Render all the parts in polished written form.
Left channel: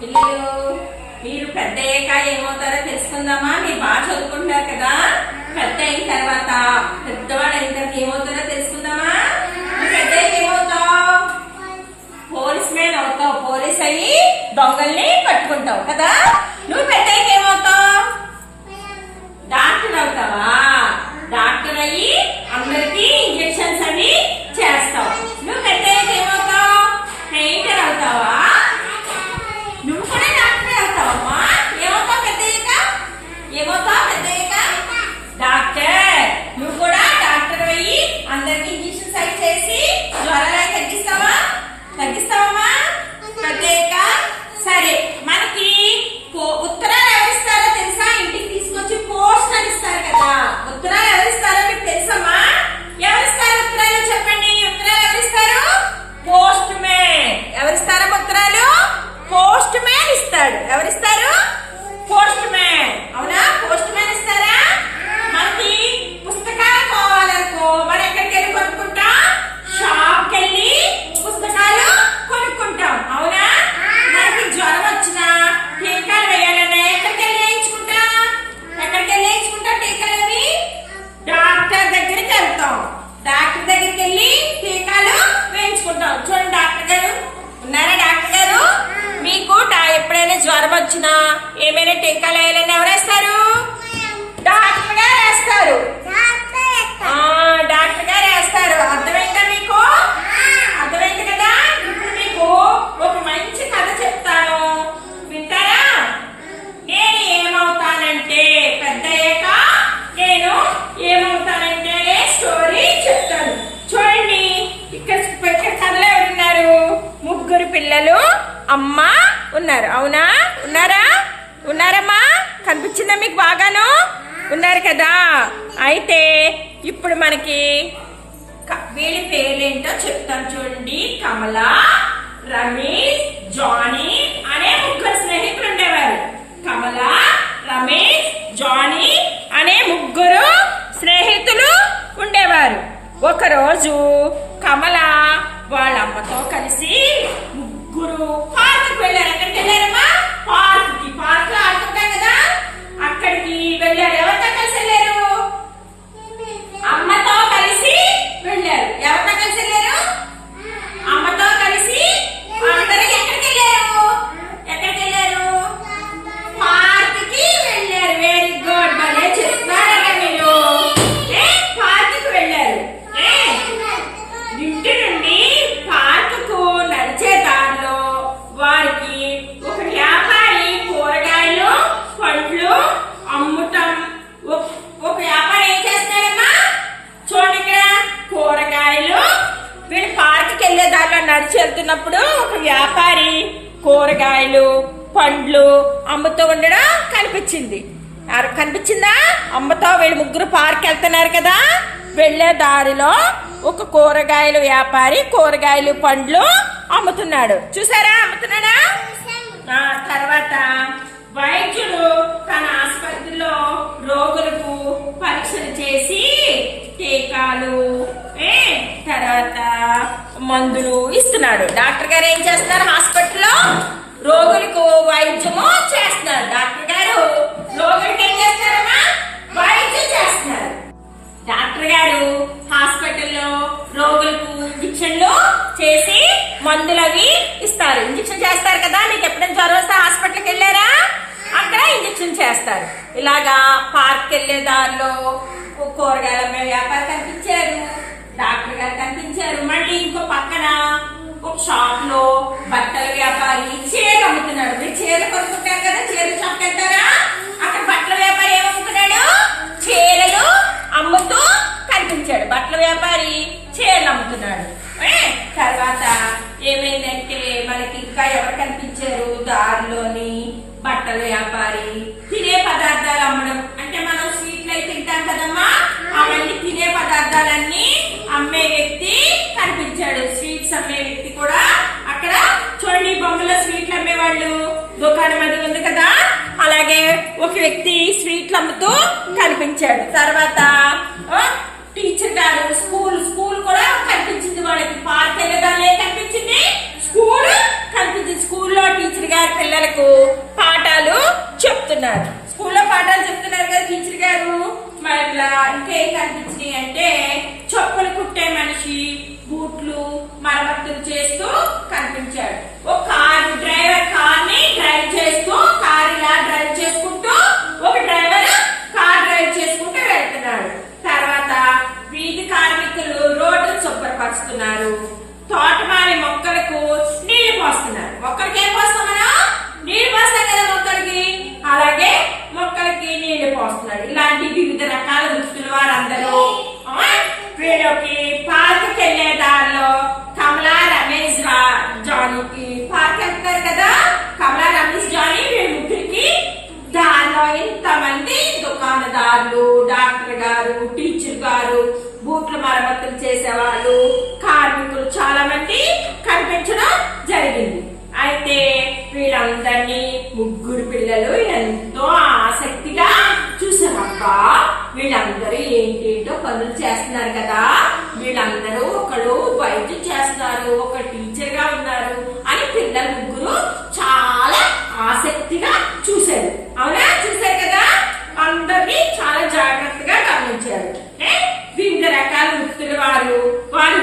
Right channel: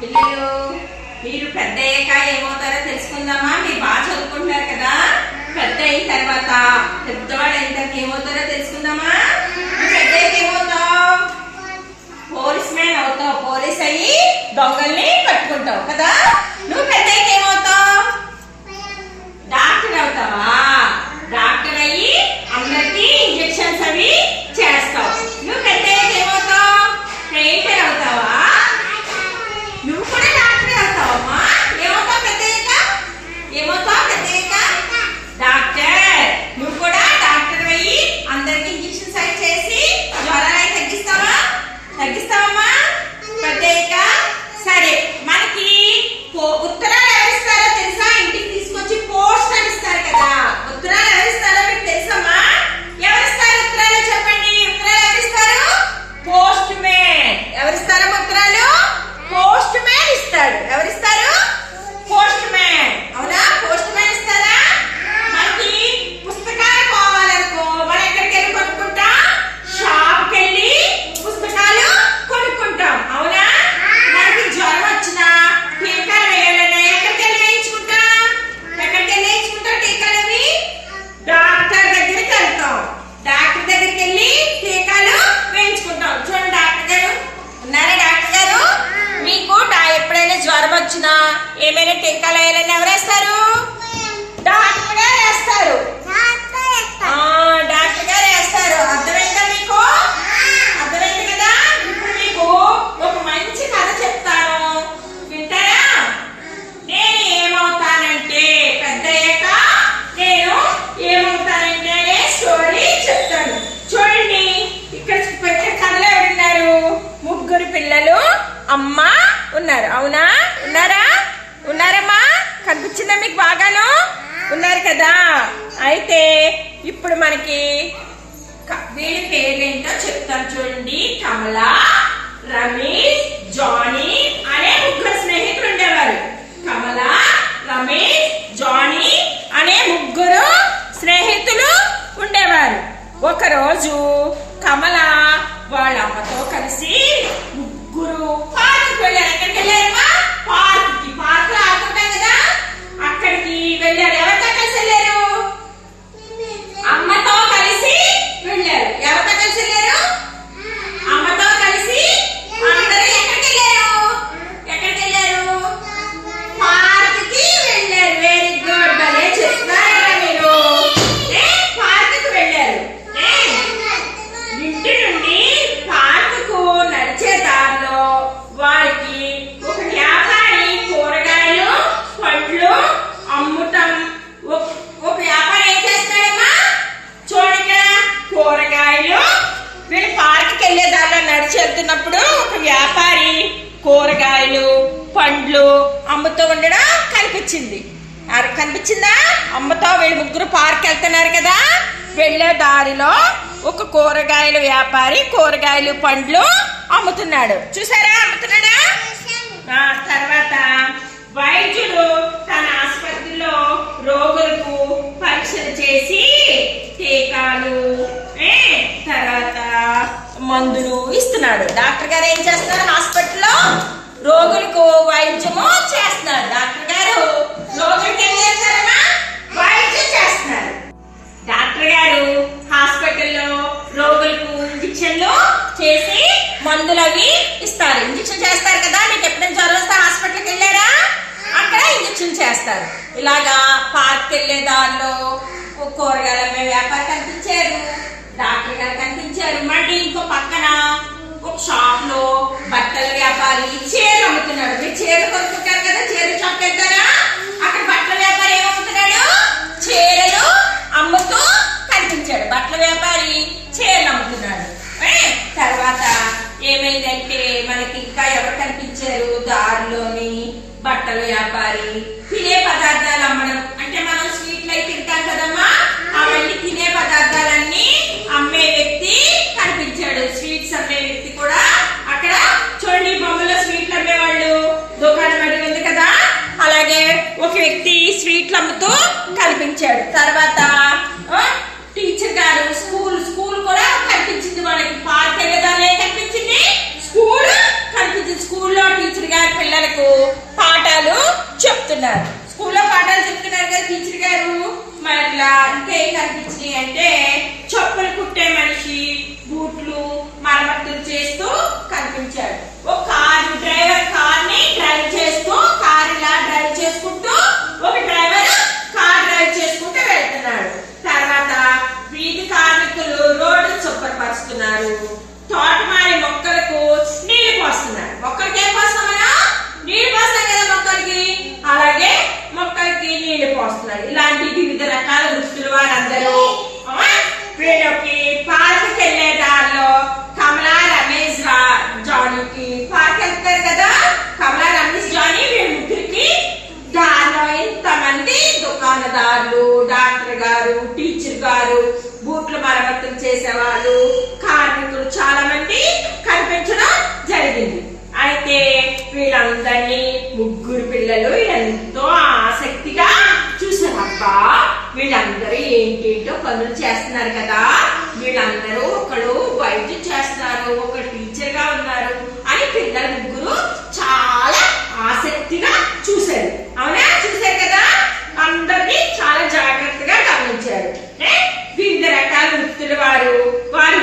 పిల్లలు మీరు పెద్ద అయ్యాక ఏమవుతారో తెలుసుకుందామా? మీరు బాగా చదువుకుంటున్నారు కదా, పెద్ద అయిన తర్వాత పెద్దవాడు అయిన తర్వాత ఏమవుతారో తెలుసుకుందామా? నువ్వు పెద్ద అయ్యాక ఏమవుతావు? పోలీస్ మ్యాన్ అవుతావు. పోలీస్ అయ్యి దొంగల్ని పట్టుకుంటావు కదా. నువ్వు పెద్ద అయ్యాక ఏమవుతావు? డాక్టర్ అవుతావా? డాక్టర్ అయ్యి అందరికి ఇంజెక్షన్స్ అవి చేస్తావు. నువ్వు పెద్ద అయ్యాక ఏమవుతావు? ట్రైనర్ అవుతావా? నువ్వు కూడా డాక్టర్ అవుతావమ్మా. ఏమవుతావు పెద్ద అయ్యాక? ఏమవుతావు పెద్ద అయ్యాక? డాక్టర్. నువ్వు కూడా డాక్టర్ అయ్యి అందరికి ఇంజెక్షన్స్ అవి చేసి జ్వరాలు అవి తగ్గిస్తావమ్మా పెద్ద అయ్యాక. సరే, మనకి ఉత్తరాలు ఎవరిస్తారో తెలుసా? ఇంటికి తీసుకొచ్చి పోస్ట్ అని ఇస్తారు కదా. ఉత్తరాలు ఎవరిస్తారో మీకు తెలుసమ్మా? ఎవరిస్తారు ఉత్తరాలు? చెప్పండి. ఉత్తరాలు ఎవరిస్తారు? Post man. ఎవరిస్తారమ్మా ఉత్తరాలు? పోస్ట్ మ్యాన్ ఇస్తాడు. ఎవరిస్తారు? Post man. అవునా? పోస్ట్ మ్యాన్ ఇస్తారా? మనకి పుస్తకాలు కావాలనుకో మనం ఎక్కడికి వెళ్ళి కొనుక్కుంటాం? షాప్కి వెళ్ళి పుస్తకాలు కొనుక్కుంటాం. అవునా? మనకి జ్వరం వచ్చినా టీకాలు వేయాలన్నా ఎక్కడికి వెళ్ళి వేయించుకుంటాం? ఎక్కడికి వెళ్ళి వేయించుకుంటాం టీకాలు? అవి డాక్టర్ దగ్గరికి వెళ్తాం. డాక్టర్ దగ్గరికి వెళ్ళి టీకాలు వేయించుకుంటాం. చూడండి, డాక్టర్ గారు ఉన్నారా? డాక్టర్ గారు, మీకు ఎప్పుడైనా జ్వరం వచ్చినా ఏమైనా టీకాలు వేయాలని ఎవరేస్తారు? డాక్టర్ గారు వేస్తారు. డాక్టర్ గారు వేస్తారు. అర్థమైందా మీకు? అర్థమైంది కదా. ఇప్పుడు మీకు ఒక మంచి కథ చెప్తాను, వింటారా? నేను ఏమవుతానంటే పెద్ద అయ్యాక నేను ఏమవుతానంటే స్టోరీ చెప్తాను. చూడండి, ఇక్కడ కథలో ఎవరున్నారు? ముగ్గురు పిల్లలు, అమ్మ ఉన్నారు. అవునా? ఉన్నారా? ఉన్నారమ్మా? కనిపించిందా మీకు? బాగాను ఉన్నారు కదా. అయితే ఇప్పుడు మనకి వీళ్ళ పేరేంటో చెప్తాను. చూడండి, కమల, రమేష్, జానీ అనే ముగ్గురు స్నేహితులు ఉండేవారు. కమల, రమేష్, జానీ అనే ముగ్గురు స్నేహితులు ఉండేవారు. ఒకరోజు కమల వాళ్ళ అమ్మతో కలిసి ముగ్గురు పార్కుకి వెళ్ళారు. ఎక్కడికి వెళ్ళారమ్మా? పార్కుకి. పార్కులో ఆడుకుంటాం కదా, అక్కడికి వెళ్ళారు. ఎవరితో కలిసి వెళ్ళారు? అమ్మతో కలిసి వెళ్ళారు. ఎవరితో కలిసి వెళ్ళారు? అమ్మతో కలిసి అందరూ ఎక్కడికి వెళ్ళారు? ఎక్కడికి వెళ్ళారు? పార్కుకి వెళ్ళారు. Very good. భలే చెప్తున్నారా మీరు? పార్కుకి వెళ్ళారు. ఇంటి నుండి పార్కుకు నడిచే దారిలో వారికి ఒక వ్యాపారి కూరగాయలు పండ్లు అమ్ముతాం. ఒక వ్యాపారి ఏం చేస్తాడమ్మా? చూడండి, కూరగాయలు. వీళ్ళు పార్కుకి వెళ్ళే దారిలో నడిచి వెళ్తున్నప్పుడు ఒక వ్యాపారి కూరగాయలు పండ్లు అమ్ముతూ ఉండడం కనిపించింది. కనిపించిందా? అమ్మతో వీళ్ళు ముగ్గురు పార్క్ వెళ్తున్నారు కదా. వెళ్ళే దారిలో ఒక కూరగాయల వ్యాపారి కూరగాయలు పండ్లు అమ్ముతున్నాడు. చూసారా? అమ్ముతున్నాడా? తర్వాత వైద్యుడు తన ఆసుపత్రిలో రోగులకు పరీక్షలు చేసి టీకాలు తర్వాత మందులు ఇస్తున్నాడు. డాక్టర్ గారు ఏం చేస్తున్నారు? హాస్పిటల్లో రోగులకు వైద్యము చేస్తున్నారు. డాక్టర్ గారు రోగులకు ఏం చేస్తారమ్మా? వైద్యం చేస్తున్నారు. డాక్టర్ గారు హాస్పిటల్లో రోగులకు ఇంజక్షన్లు చేసి మందులు అవి ఇస్తారు. ఇంజక్షన్ చేస్తారు కదా. మీకు ఎప్పుడైనా జ్వరం వస్తే హాస్పిటల్కి వెళ్ళారా? అక్కడ ఇంజక్షన్ చేస్తారు. ఇలాగా పార్క్ వెళ్ళే దారిలో కూరగాయల వ్యాపారి కనిపించారు, డాక్టర్ గారు కనిపించారు. మళ్ళీ ఇంకో పక్కన ఒక షాప్ లో బట్టల వ్యాపారి చీరలు అమ్ముతున్నాడు. మీరు చీరలు కొనుక్కుంటారు కదా, చీరల షాప్కి వెళ్తారా? అక్కడ బట్టల వ్యాపారి ఏమమ్ముతున్నాడు? చీరలు అమ్ముతూ కనిపించాడు. బట్టల వ్యాపారి చీరలు అమ్ముతున్నాడు. తర్వాత ఏమైందంటే మనకి ఇంకా ఎవరు కనిపించారు? దారిలోని బట్టల వ్యాపారి తినే పదార్థాలు అమ్మడం. అంటే మనం స్వీట్లు అయితే తింటాం కదమ్మా, అవన్నీ తినే పదార్థాలన్నీ అమ్మే వ్యక్తి కనిపించాడు. స్వీట్స్ అమ్మే వ్యక్తి కూడా అక్కడ. చూడండి, బొమ్మలో స్వీట్లు అమ్మేవాళ్ళు దుకాణం అది ఉంది కదా, అలాగే ఒక వ్యక్తి స్వీట్లు అమ్ముతూ కనిపించాడు. తర్వాత టీచర్ గారు స్కూల్ కూడా కనిపించింది వాళ్ళకి. పార్క్ వెళ్ళేదాన్ని కనిపించింది, స్కూల్ కనిపించింది. స్కూల్లో టీచర్ గారు పిల్లలు పిల్లలకు పాఠాలు చెప్తున్నారు. స్కూల్లో పాఠాలు చెప్తున్నారు కదా టీచర్ గారు. మరి ఇంకేం కనిపించినాయి అంటే చెప్పులు కుట్టే మనిషి, బూట్లు మరమ్మతులు చేస్తూ కనిపించాడు. ఒక కార్ డ్రైవర్ కార్ ని డ్రైవ్ చేస్తూ, కార్ ఇలా డ్రైవ్ చేసుకుంటూ ఒక డ్రైవర్ కార్ డ్రైవ్ చేసుకుంటూ వెళ్తున్నాడు. తర్వాత వీధి కార్మికులు రోడ్డు శుభ్రపరుస్తున్నారు. తోటమాలి మొక్కలకు నీళ్లు పోస్తున్నారు. మొక్కలకి ఏం పోస్తాం మనం? నీళ్లు పోస్తాం కదా మొక్కలకి, అలాగే మొక్కలకి నీళ్లు పోస్తున్నారు. ఇలాంటి వివిధ రకాల వృత్తులు వారందరూ. వీళ్ళకి పార్క్ వెళ్లే దారిలో కమలా, రమేష్, జానీకి పార్క్ వెళ్తారు కదా. కమలా, రమేష్, జానీ వీళ్ళ ముగ్గురికి దారిలో ఇంతమంది దుకాణదారులు, డాక్టర్ గారు, టీచర్ గారు, బూట్లు మరమ్మతులు చేసేవాళ్ళు, కార్మికులు చాలా మంది కనిపించడం జరిగింది. అయితే వీళ్ళందరినీ ముగ్గురు పిల్లలు ఎంతో ఆసక్తిగా చూసారు. అబ్బా వీళ్ళందరూ ఏంటేంటో పనులు చేస్తున్నారు కదా, వీళ్ళందరూ ఒకడు వైద్యం చేస్తున్నారు, ఒక టీచర్ గా ఉన్నారు అని పిల్లలు ముగ్గురు చాలా ఆసక్తిగా చూశారు. అవునా? చూశారు కదా. అందరినీ చాలా జాగ్రత్తగా గమనించారు. వివిధ రకాల వృత్తులు వారి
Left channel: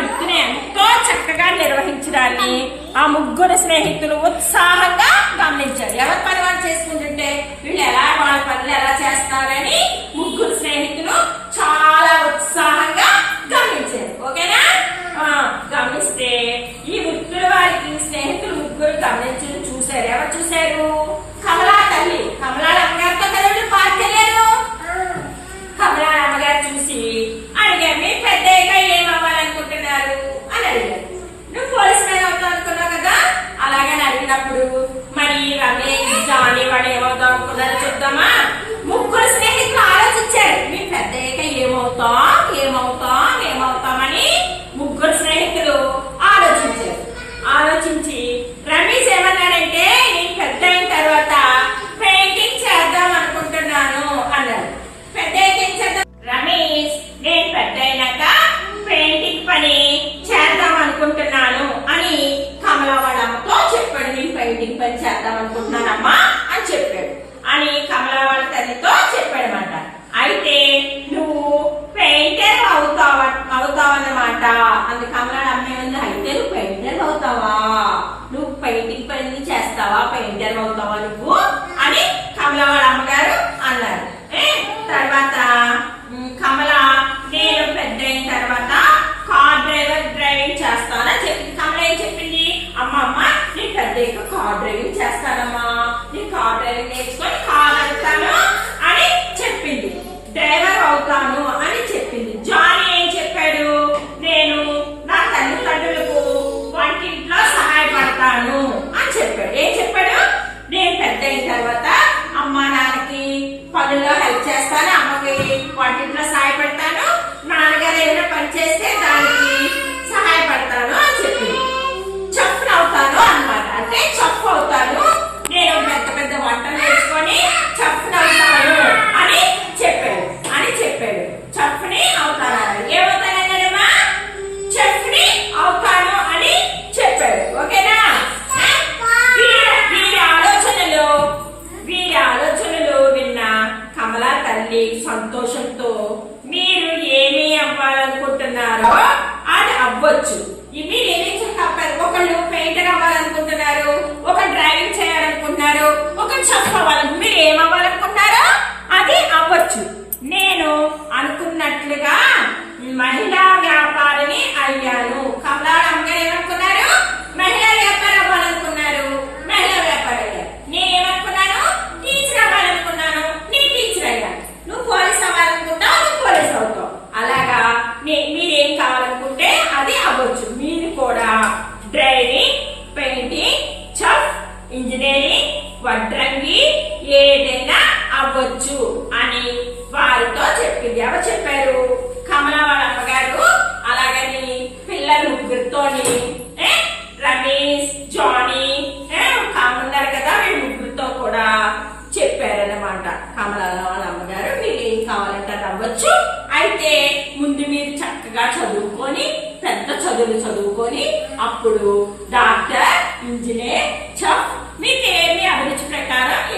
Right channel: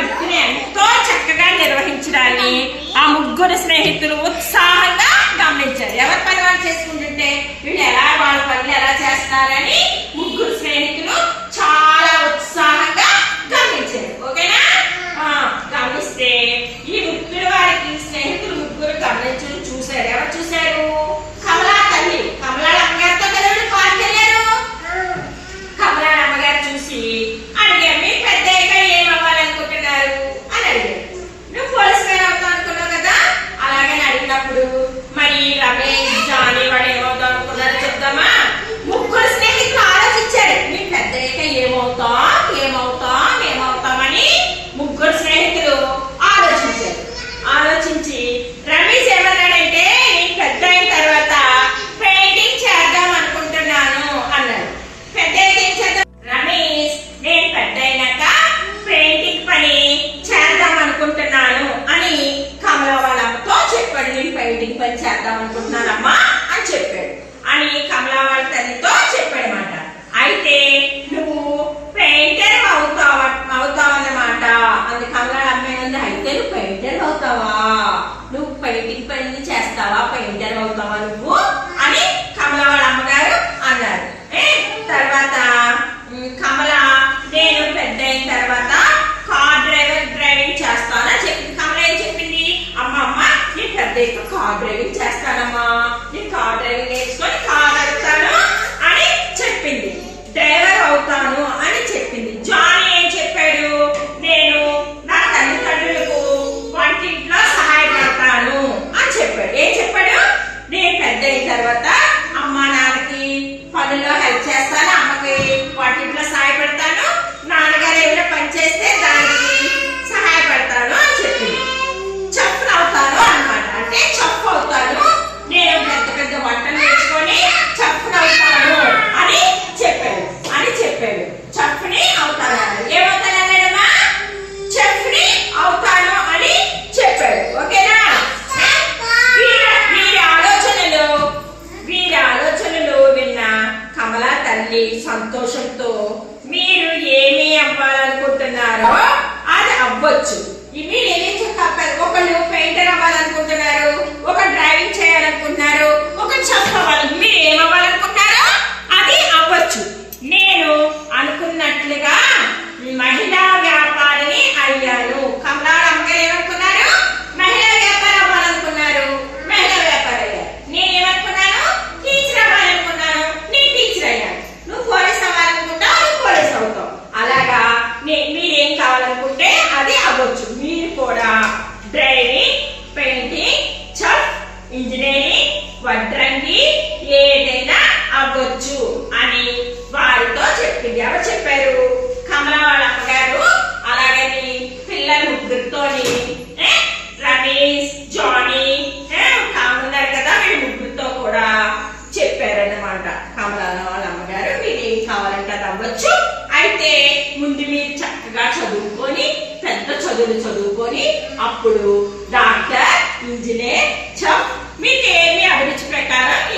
వృత్తిని ఎంతో చక్కగా నిర్వహించడాన్ని ఆ ముగ్గురు స్నేహితులు ఉత్సాహంగా గమనించారు. ఎవరి పని వాళ్ళు చేసుకుంటుంటే వీళ్ళు ఎలా వాళ్ళ పనులు ఎలా చేస్తారని ముగ్గురు స్నేహితులు చాలా ఉత్సాహంగా గమనించారు. ఓకేనా? గమనిస్తే ఈ వృత్తులు వారికి స్నేహితులు ముగ్గురు గమనించి చూశారు. ఎవరు చూశారు? కమలా తల్లి, కమలా అమ్మగారితో కదా పార్క్ వెళ్ళారు. కమలా అమ్మగారు చూసి అడిగారు, మీ పెద్దయ్యగా ఏమవ్వాలనుకుంటున్నారు అని అడిగారు. నువ్వు పోలీస్ మ్యాన్ అవుతావు అనుకున్నావు కదా. అలాగని అడిగినప్పుడు మరి రమేష్, జానీ వాడు ఏమవుతావు అనుకున్నారో చెప్తామా? ముగ్గురు స్నేహితులు ఆలోచించారు. మీ పెద్దయ్యగా ఏమవుతామని ముగ్గురు స్నేహితులు ఆలోచించారు. ఆలోచించి రమేష్ ఏమన్నాడంటే, నేను పెద్ద అయిన తర్వాత పెయింటింగ్ చేద్దాం అనుకుంటున్నాను అన్నాడు. పెద్ద ఏం చేద్దాం? రమేష్, నేను పెద్ద అయినాక పెయింటింగ్ పని చేద్దాం అనుకుంటున్నాను అని కమలా వాళ్ళ అమ్మతో చెప్పాడు. నేను పెయింటింగ్ పని చేద్దాం అనుకుంటున్నానమ్మా అని చెప్పాడు. అని కమలా వాళ్ళ తల్లితో చెప్పాడనమాట. అయితే నువ్వు పెయింటర్ అవుతావన్నమాట. అందు కమలా అమ్మ ఉంది. అయితే నువ్వు పెయింటర్ అవుతావా? నువ్వు పెయింటింగ్ పని చేస్తావా? పెయింటర్ అవుతావా నువ్వు అని కమలా వాళ్ళ అమ్మగారు అన్నారు. తర్వాత కమల, నేను పెద్ద అయిన తర్వాత కార్ డ్రైవింగ్ చేస్తానని చెప్పింది. కమల ఏం చెప్పింది? అమ్మ నేను పెద్ద కార్ డ్రైవింగ్ చేస్తానమ్మా, నేను కార్ డ్రైవింగ్ నేర్చుకొని కార్ నడుపుతాను అని చెప్పింది. డ్రైవర్ అవుతాను అని చెప్పింది. జానీ ఏం చెప్పాడు? నేను నా తల్లిదండ్రులకు వంటింట్లో సహాయపడతాను అని చెప్పాడు. ఏం చెప్పాడు? నేను పెద్ద అయిన తర్వాత అమ్మ నాన్నకి పనుల్లో హెల్ప్ చేస్తాను, అమ్మకి వంటింట్లో సహాయపడతాను, నాన్నగారు ఏమైనా పని చేస్తే దానికి సహాయపడతాను అని చెప్పింది. చెఫ్ అవుతాను అన్నమాట. అంటే చెఫ్ అవుతాను, నేను పెద్ద పెద్ద వంటలు నేర్చుకొని చెఫ్ అవుతాను అని చెప్పాడు. చెఫ్ ని అవుతాను. ఏమవుతానన్నాడమ్మా? చెఫ్ ని అవుతాను అని చెప్పాడు. ఓకేనా? వీరి ఆలోచనలు విన్న కమలా తల్లి సంతోషంతో, మీరు ఏమి అవ్వాలనుకుంటున్నారో అది అవ్వచ్చు. మీరు ఏమేం చెప్పారు? ఒకళ్ళు పెయింటర్ అవ్వాలనుకుంటున్నారు, ఒక డ్రైవింగ్ చేయాలనుకుంటున్నారు, ఒక చెఫ్ అవ్వాలనుకుంటున్నారు. మీరు ఏమవ్వాలనుకుంటున్నారో అది అవ్వచ్చు. నేను అనుకున్నట్లుగా మహిళా వ్యాపారిని అయ్యాను. కమలా అమ్మగారు ఏమనుకున్నారు? మహిళా వ్యాపారం అవ్వాలనుకున్నారు, మహిళా వ్యాపారం అయ్యారు. నేనేమనుకున్నాను? టీచర్ అవ్వాలనుకున్నాను, నేను టీచర్ అయ్యాను. నువ్వు పోలీస్ అవ్వాలనుకుంటావు, నువ్వు పోలీస్ అవుతావు. అలాగా మీరేం కావాలనుకుంటే అది అవ్వచ్చు. మీరు కూడా డ్రైవింగ్, పెయింటింగ్, చెఫ్, ఇంజనీరింగ్, వడ్రంగి ఏదైనా అవ్వచ్చు అని వారితో చెప్పింది. ఎవరు చెప్పారు? కమల వాళ్ళ అమ్మగారు. అలాగని పిల్లల ముగ్గురితోని రమేష్, జానీ ఉన్నారు కదా, వీళ్ళ ముగ్గురితో కూడా చెప్పారన్నమాట. కమల వాళ్ళ అమ్మగారు, మీరు ఏం కావాలంటే అది అవ్వచ్చు. అయితే ముందు మీరు చక్కగా చదువుకొని పెద్ద చదువుకొని అప్పుడు డాక్టర్, ఇంజనీర్, చెఫ్ మీకు ఏమి అభివృద్ధి ప్రకారం